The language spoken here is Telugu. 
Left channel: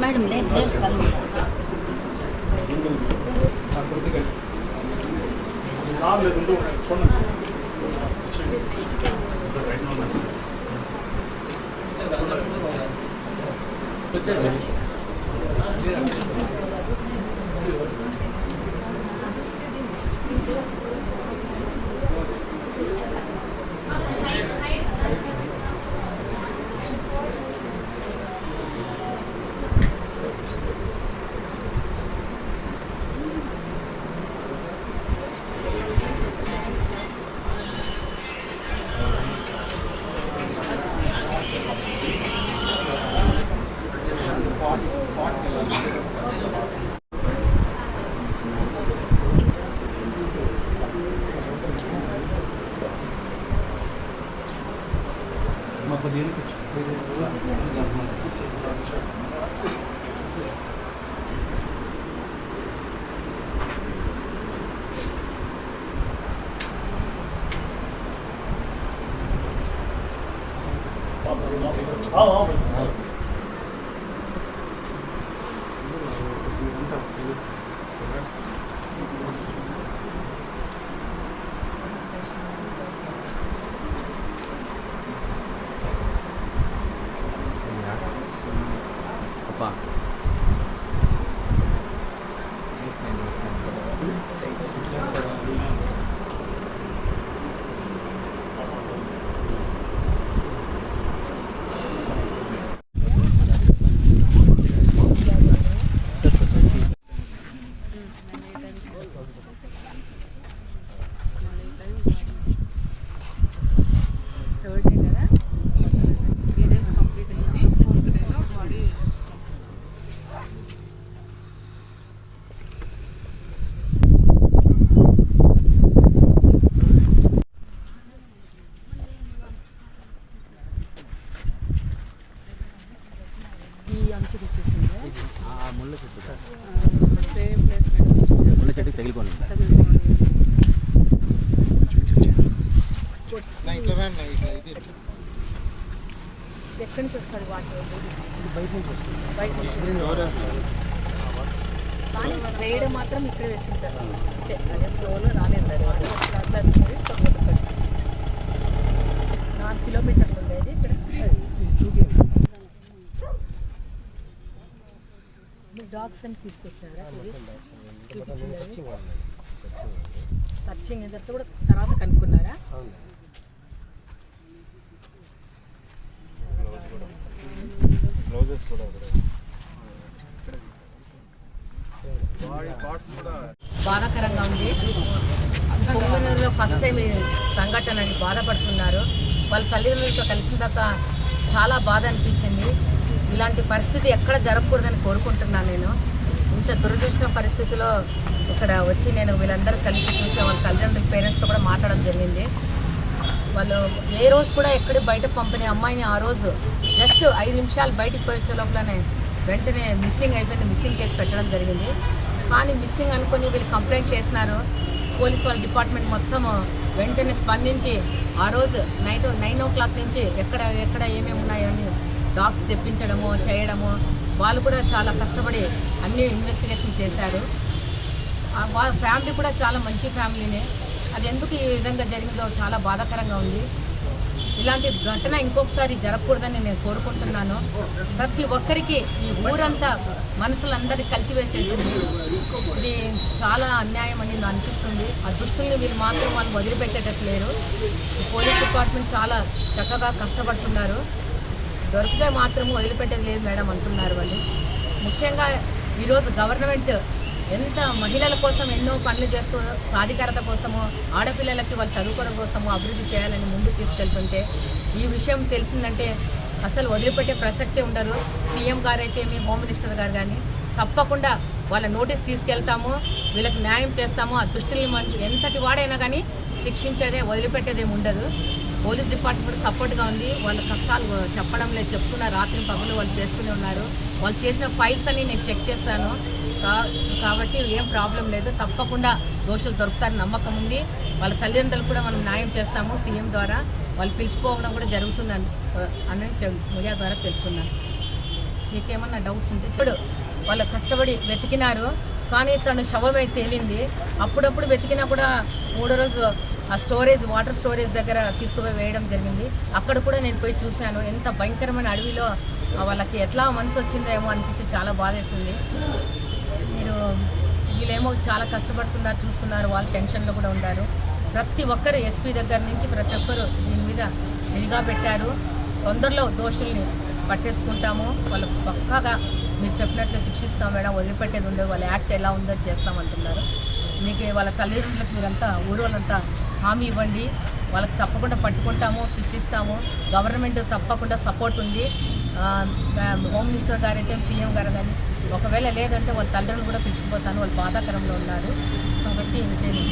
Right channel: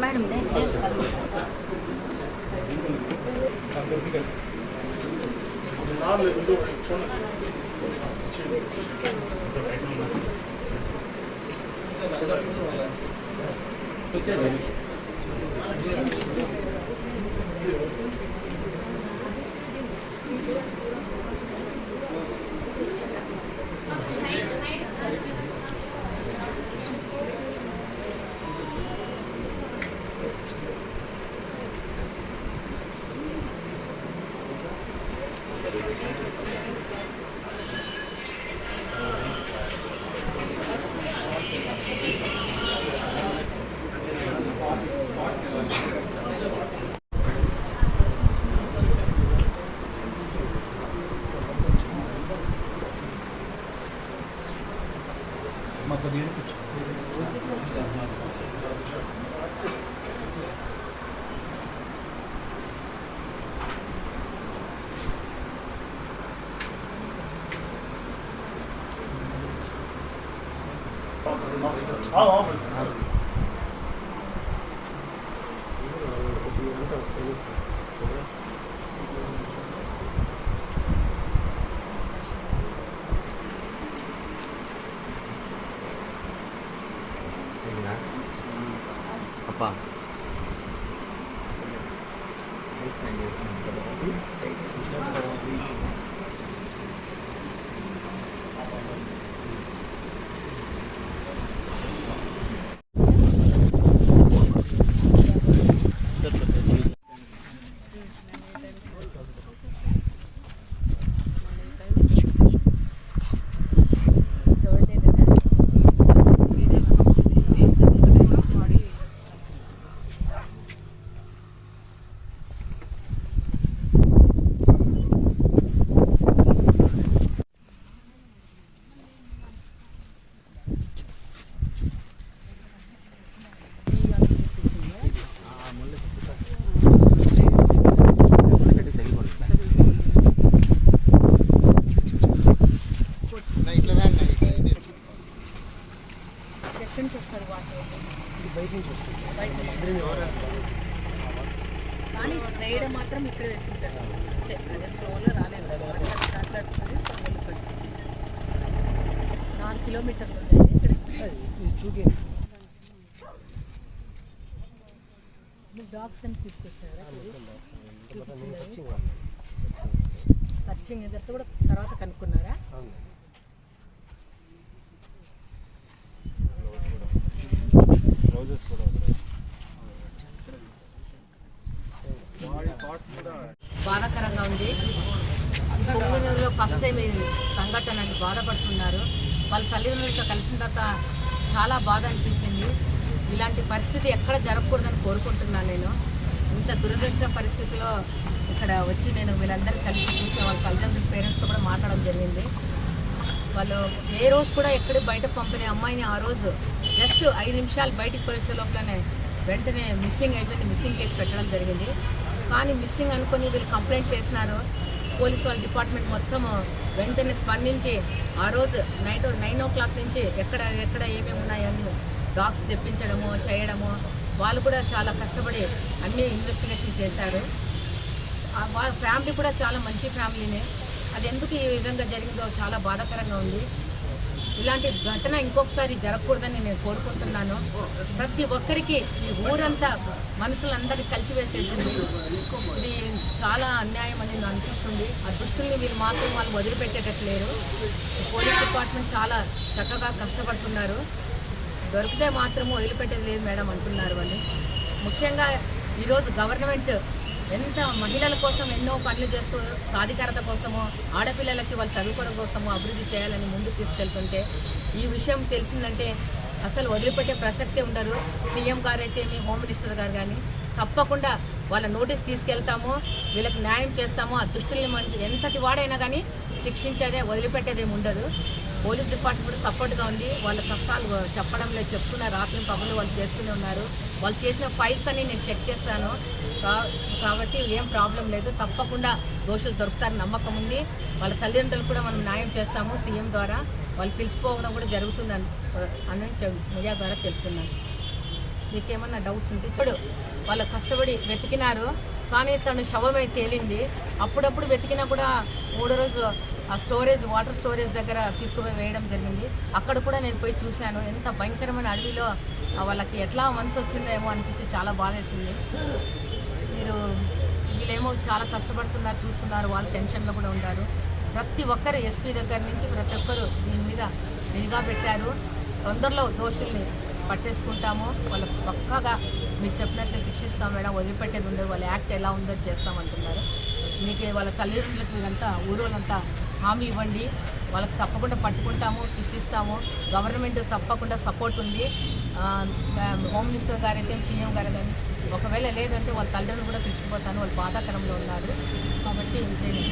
మేడం నేర్స్తాను ఎక్కడి నుంచి వస్తారు వాటర్ కానీ వేయడం మాత్రం ఇక్కడ వేసింటారు అంతే అదే ఫ్లోర్లో రాలేదు వాటర్ అట్లా అట్లా వస్తుంది 4 కిలోమీటర్లు ఉండేది ఇక్కడ డాగ్స్ అని తీసుకొచ్చారా సర్చింగ్ ఇదంతా కూడా తర్వాత కనుక్కున్నారా బాధాకరంగా ఉంది. పొంగనూరులో ఫస్ట్ టైం ఈ సంఘటన అని బాధపడుతున్నారు. వాళ్ళ తల్లిదండ్రులతో కలిసిన తర్వాత చాలా బాధ అనిపించింది. ఇలాంటి పరిస్థితి ఎక్కడ జరగకూడదని కోరుకుంటున్నాను. నేను ఇంత దురదృష్ట పరిస్థితిలో ఇక్కడ వచ్చి నేను వీళ్ళందరూ కలిసి చూసే వాళ్ళ తల్లిదండ్రుల పేరెంట్స్తో కూడా మాట్లాడడం జరిగింది. వాళ్ళు ఏ రోజు కూడా ఎక్కడ బయట పంపిన అమ్మాయిని ఆ రోజు జస్ట్ 5 నిమిషాలు బయటికి పోయే లోపలనే వెంటనే మిస్సింగ్ అయిపోయింది. మిస్సింగ్ కేసు పెట్టడం జరిగింది. కానీ మిస్సింగ్ అనుకుని వీళ్ళు కంప్లైంట్ చేసినారు. పోలీస్ వాళ్ళ డిపార్ట్మెంట్ మొత్తం వెంటనే స్పందించి ఆ రోజు నైట్ 9 o'clock నుంచి ఎక్కడ ఏమేమి ఉన్నాయని డాగ్స్ తెప్పించడము చేయడము వాళ్ళు కూడా చాలా కష్టపడి అన్ని ఇన్వెస్టిగేషన్ చేశారు. వాళ్ళ ఫ్యామిలీ కూడా చాలా మంచి ఫ్యామిలీనే. అది ఎందుకు ఈ విధంగా జరిగిందో చాలా బాధాకరంగా ఉంది. ఇలాంటి ఘటన ఇంకొకసారి జరగకూడదని నేను కోరుకుంటున్నాను. ప్రతి ఒక్కరికి ఈ ఊరంతా మనసులందరినీ కలిసివేసేసింది. ఇది చాలా అన్యాయం అని నాకు అనిపిస్తుంది. ఆ దుష్టుల్ని వీళ్ళు మాత్రం వాళ్ళు వదిలిపెట్టేటట్లేరు. పోలీస్ డిపార్ట్మెంట్ చాలా చక్కగా కష్టపడుతున్నారు. దొరికితే మాత్రం వదిలిపెట్టేది లేదు మేడం అంటున్నారు వాళ్ళు. ముఖ్యంగా ఈరోజు గవర్నమెంట్ ఎంత మహిళల కోసం ఎన్నో పనులు చేస్తూ సాధికారత కోసము ఆడపిల్లలకి వాళ్ళు చదువుకోవడం కోసము అభివృద్ధి చేయాలని ముందుకు తీసుకెళ్తుంటే ఈ విషయం తెలిసిందంటే అసలు వదిలిపెట్టే ప్రసక్తే ఉండరు. సీఎం గారు అయితే మీ హోమ్ మినిస్టర్ గారు కానీ తప్పకుండా వాళ్ళ నోటీస్ తీసుకెళ్తాము, వీళ్ళకి న్యాయం చేస్తాము. ఆ దుష్టుల్ని ఎంతటి వాడైనా కానీ శిక్షించేదే, వదిలిపెట్టేదేమి ఉండదు. పోలీస్ డిపార్ట్మెంట్ సపోర్ట్గా ఉంది. వాళ్ళ కష్టాలు చెప్పడం లేదు, చెప్తున్నారు. రాత్రి పగలు వాళ్ళు చేస్తూనే ఉన్నారు. వాళ్ళు చేసిన ఫైల్స్ అన్ని నేను చెక్ చేస్తాను కాబట్టి ఏం ప్రాబ్లం లేదు. తప్పకుండా దోషులు దొరుకుతారని నమ్మకం ఉంది. వాళ్ళ తల్లిదండ్రులు కూడా మనం న్యాయం చేస్తాము. సీఎం ద్వారా వాళ్ళు పిలిచిపోవడం కూడా జరుగుతుందని మీడియా ద్వారా తెలుపుతున్నాను. మీకేమన్నా డౌట్స్ ఉంటే చూడు, వాళ్ళు కష్టపడి వెతికినారు కానీ తను శవమై తేలింది. అప్పుడప్పుడు వెతికినా కూడా 3వ రోజు ఆ వాటర్ స్టోరేజ్ దగ్గర తీసుకుపోయి వేయడం జరిగింది. అక్కడ కూడా నేను పోయి చూశాను. ఎంత భయంకరమైన అడవిలో వాళ్ళకి ఎట్లా మనసు వచ్చిందేమో అనిపించి చాలా బాధేసింది. వీళ్ళేమో చాలా కష్టపడుతున్నారు, చూస్తున్నారు. వాళ్ళు టెన్షన్లో కూడా ఉన్నారు. ప్రతి ఒక్కరు ఎస్పీ దగ్గర నుంచి ప్రతి ఒక్కరు దీని మీద నిఘా పెట్టారు. తొందరలో దోషుల్ని పట్టేసుకుంటాము. వాళ్ళకు పక్కాగా మీరు చెప్పినట్లు శిక్షిస్తాం మేడం, వదిలిపెట్టేది ఉండదు. వాళ్ళ యాక్ట్ ఎలా ఉందో చేస్తామంటున్నారు. మీకు వాళ్ళ తల్లిదండ్రులకు మీరంతా ఊరోళ్ళంతా హామీ ఇవ్వండి. వాళ్ళకి తప్పకుండా పట్టుకుంటాము, శిక్షిస్తాము. గవర్నమెంట్ తప్పకుండా సపోర్ట్ ఉంది. హోమ్ మినిస్టర్ గారు అయితే సీఎం గారు కానీ ఒకవేళ లేదంటే వాళ్ళ తల్లిదండ్రులు కూడా పిలుచుకుపోతాను. వాళ్ళు బాధాకరంలో ఉన్నారు కాబట్టి నేను